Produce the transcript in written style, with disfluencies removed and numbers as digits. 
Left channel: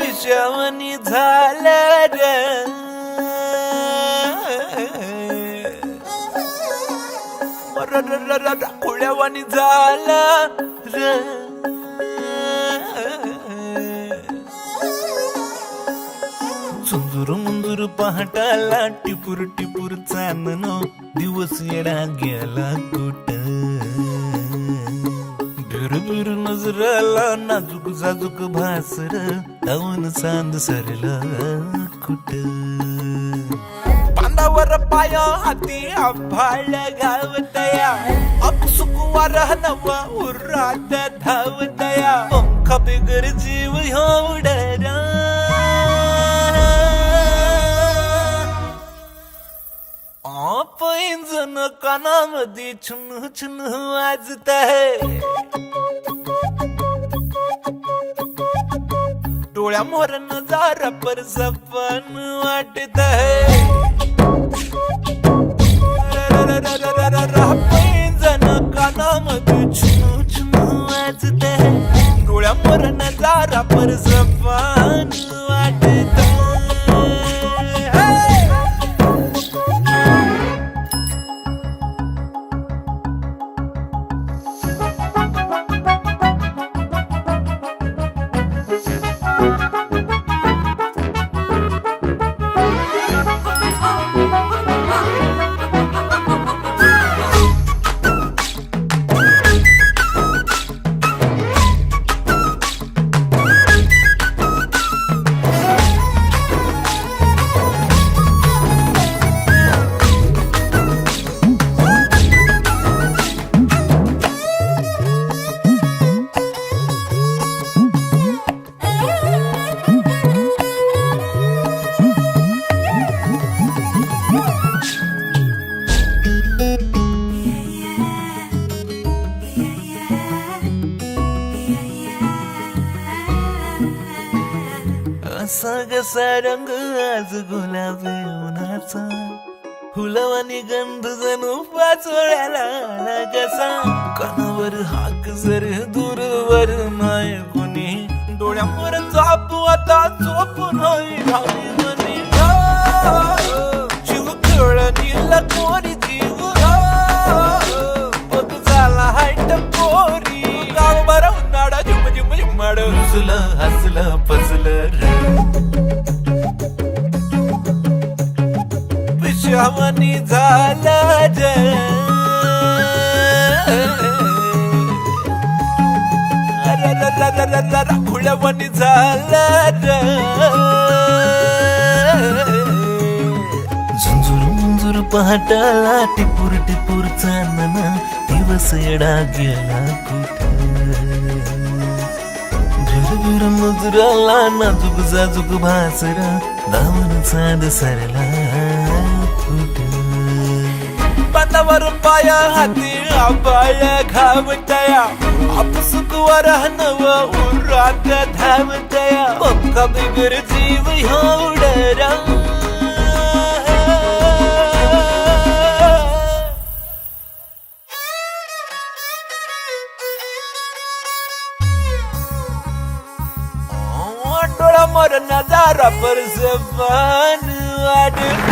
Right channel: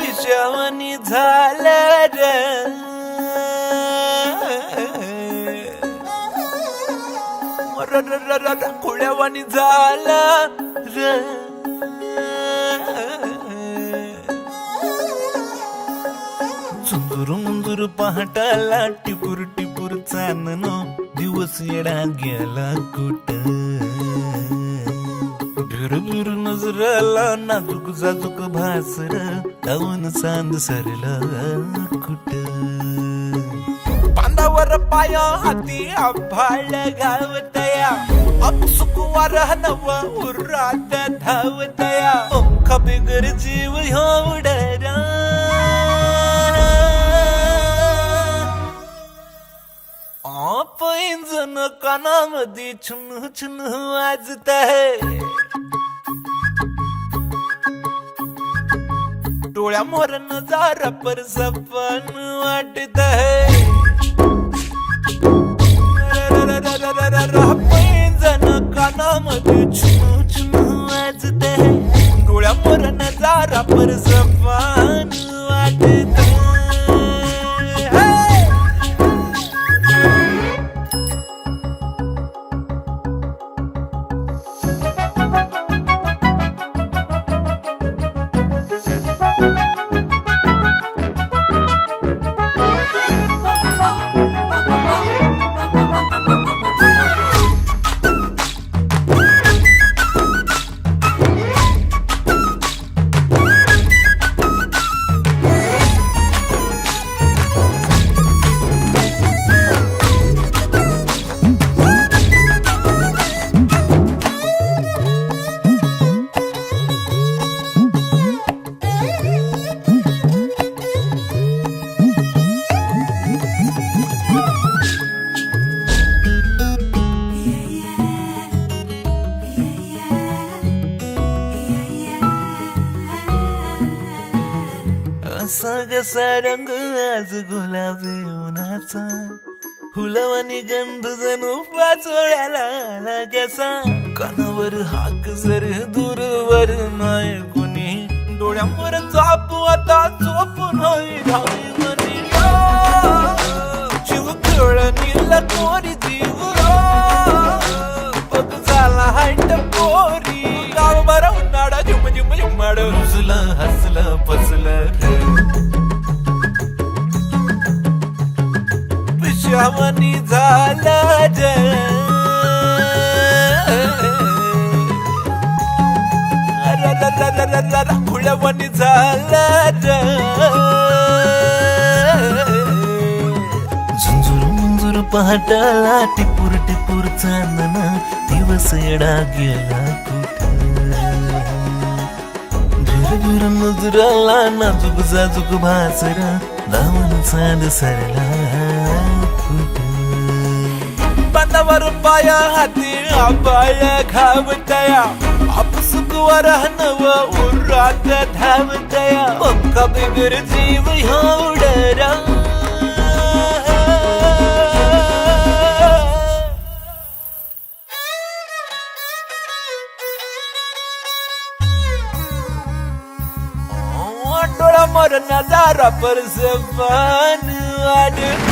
पिशावनी झालं ग, खुळ्यावानी झालं ग. झुंजूर मुंजूर पहाटाला टिपूर टिपूर चांदण, दिवस येडा गेला कुठं. बिर नजराला नाजूक जाजूक भासर, कावन चांद सरला कुठं. बांधावर पाया हाती आभाळ गावतया, अपसुक वारह नवा उरात धावतया. पंख बिगर जीव उडरा, पैंजण कानामध्ये छुन छुन वाजत आहे. डोळ्यामोर नजारा पर सपन वाटत आहे. पैंजण कानामध्ये छुन छुन वाजत आहे. डोळ्यामोर नजारा पर सपन वाटत आहे. कसा रंग आज गुलाबी उन्हाचा, फुलवानी गंध जणू पाचोळ्याला कसा. कानावर हाक जर दूरवर नाही कुणी, डोळ्यावर चापू आता चोपून होई भावनी. जीव खेळणीला कोरी जीव, बघ झाला हायट कोरी. गाव बरा उन्हाळा झुम झुम झुमाड, हसलं हसलं पसलं. पिशावनी झालं ग, खुळ्यावानी झालं ग. झुंजूर मुंजूर पहाटाला टिपूर टिपूर चांदण, दिवस येडा गेला कुठं. झुरझुर नजराला नाजूक जाजूक भासर, दामन चांद सरला कुठं. बांधावर पाया हाती आबाळ घावतया, अपसुक वारह नवा उरात धावतया. पंख बिगर जीव उडरा. डोळा मोर नजारा पर सपन वाटत